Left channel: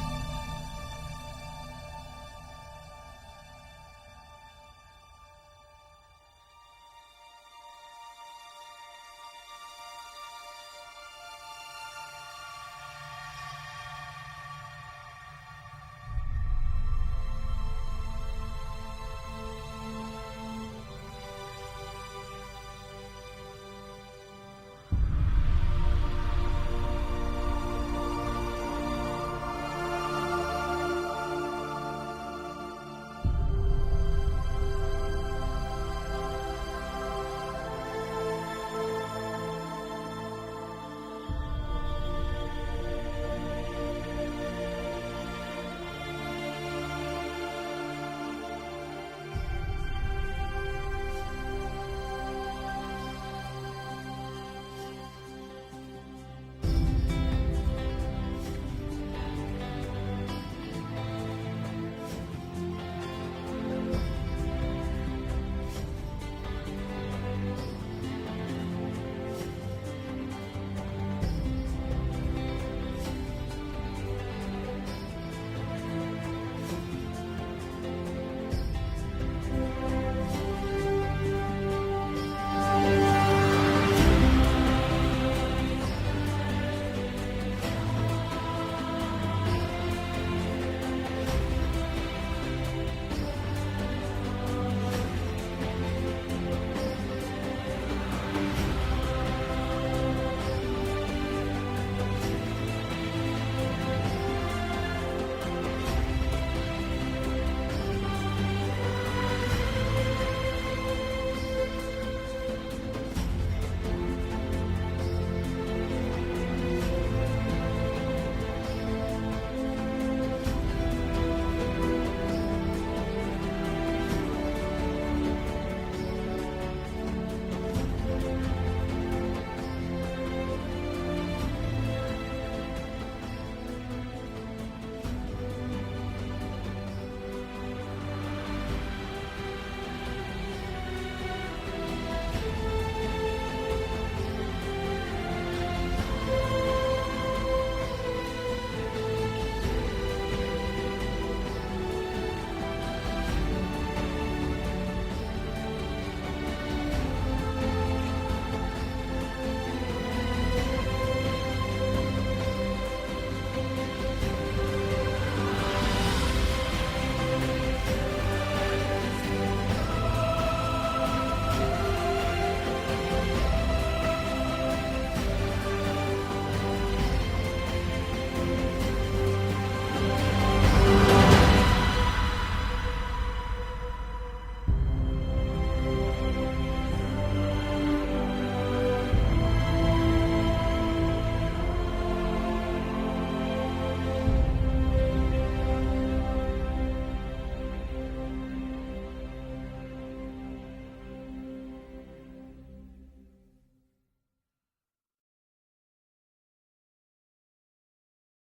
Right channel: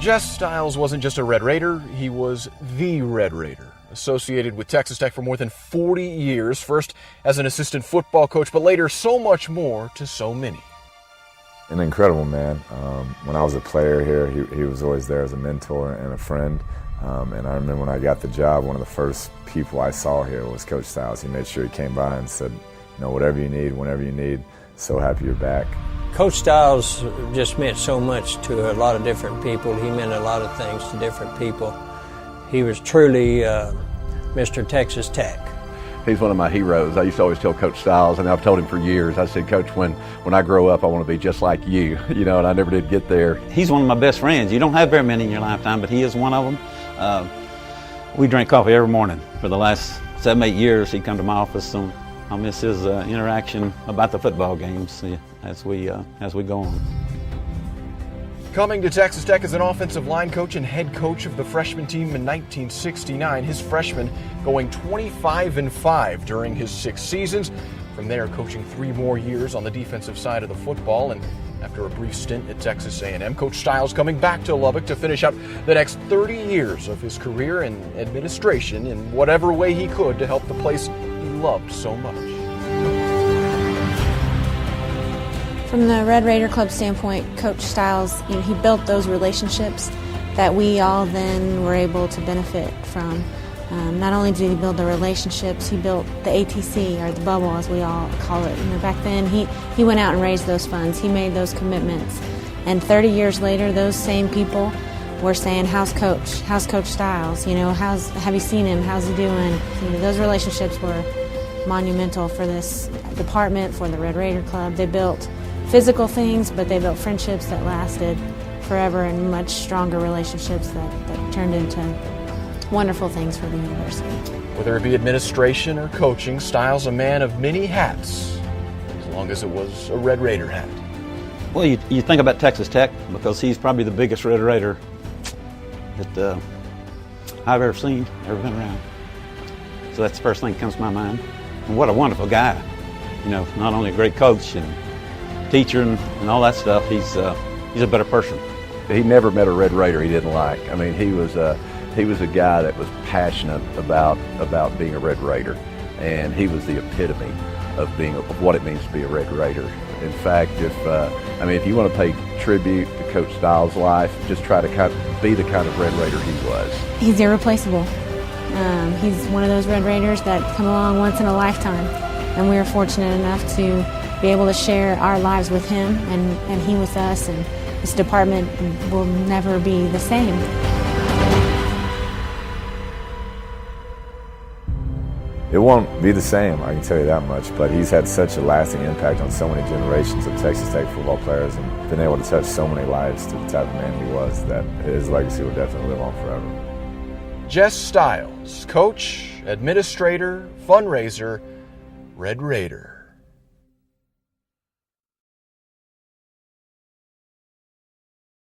Jess Stiles wasn't just a Red Raider, he was the Red Raider. Associated with Texas Tech for more than 40 years, first as an assistant football coach, but later so much more to so many. An incredible man. When I was a player here, he was always there as a mentor and a friend. And I remember when I got the job, one of the first people I saw here was Coach Stiles. He made sure he came by and said, you know, whatever you need, whenever you need, so happy you're back. Coach Stiles just meant so much to a lot of different people. He meant a lot of things to different people. He was truly Mr. Texas Tech. He's one of my heroes. I used to always tell Coach Stiles, and I've told him for years, I said, Coach, when I grow up, I want to be just like you, you know, and I never did get there. He's one of my best friends. You don't have very many in your lifetime, but he is one of them. We drink coffee every morning. For the last 7-8 years, he'd come to my office, so I'll miss his interaction about the football games as we go on. Coming to Texas Tech as an offensive line coach and head coach of the freshman team in 1969, his freshman going 25-5 during his 6 seasons. From there, coaching 3 more years on the defensive side of the football, and after a brief stint at Texas A&M, Coach Stiles coming back to Lubbock to finish up the next 30 years of his career in administration in whatever way he could to help the place he loved so much. From the Red Raider Club standpoint, Coach Stiles, he built those relationships that we all then were able to benefit from. Not only did he build the relationships, he built the ATC, or the bubble as we all call it. Back then, he went out and raised those funds. He made those commitments. And 30 years later, those same people were saying, how's Coach? How's Coach Stiles? You know, have you seen him? How's he doing? You know, those relationships were monumental for this department, for the Red Raider Club. They built physical things, but they built friendships that lasted forever and much stronger relationships that turned into wonderful things for the university. Whether it be administration or coaching, Stiles a man of many hats, as long as it was a Red Raider hat. Well, you think about Texas Tech because he's probably the biggest Red Raider that I've ever seen, ever been around. So that's the first thing that comes to my mind. And what a wonderful guy. You know, not only a great coach and teacher and all that stuff, he's a better person. He never met a Red Raider he didn't like. I mean, he was a guy that was passionate about being a Red Raider, and he was the epitome of what it means to be a Red Raider. In fact, if you want to pay tribute to Coach Stiles' life, just try to be the kind of Red Raider he was. He's irreplaceable. He's one of those Red Raiders that come along once in a lifetime, and we are fortunate enough to be able to share our lives with him and he with us, and this department will never be the same. It won't be the same, I can tell you that much, but he's had such a lasting impact on so many generations of Texas Tech football players and been able to touch so many lives through the type of man he was that his legacy will definitely live on forever. Jess Stiles, coach, administrator, fundraiser, Red Raider.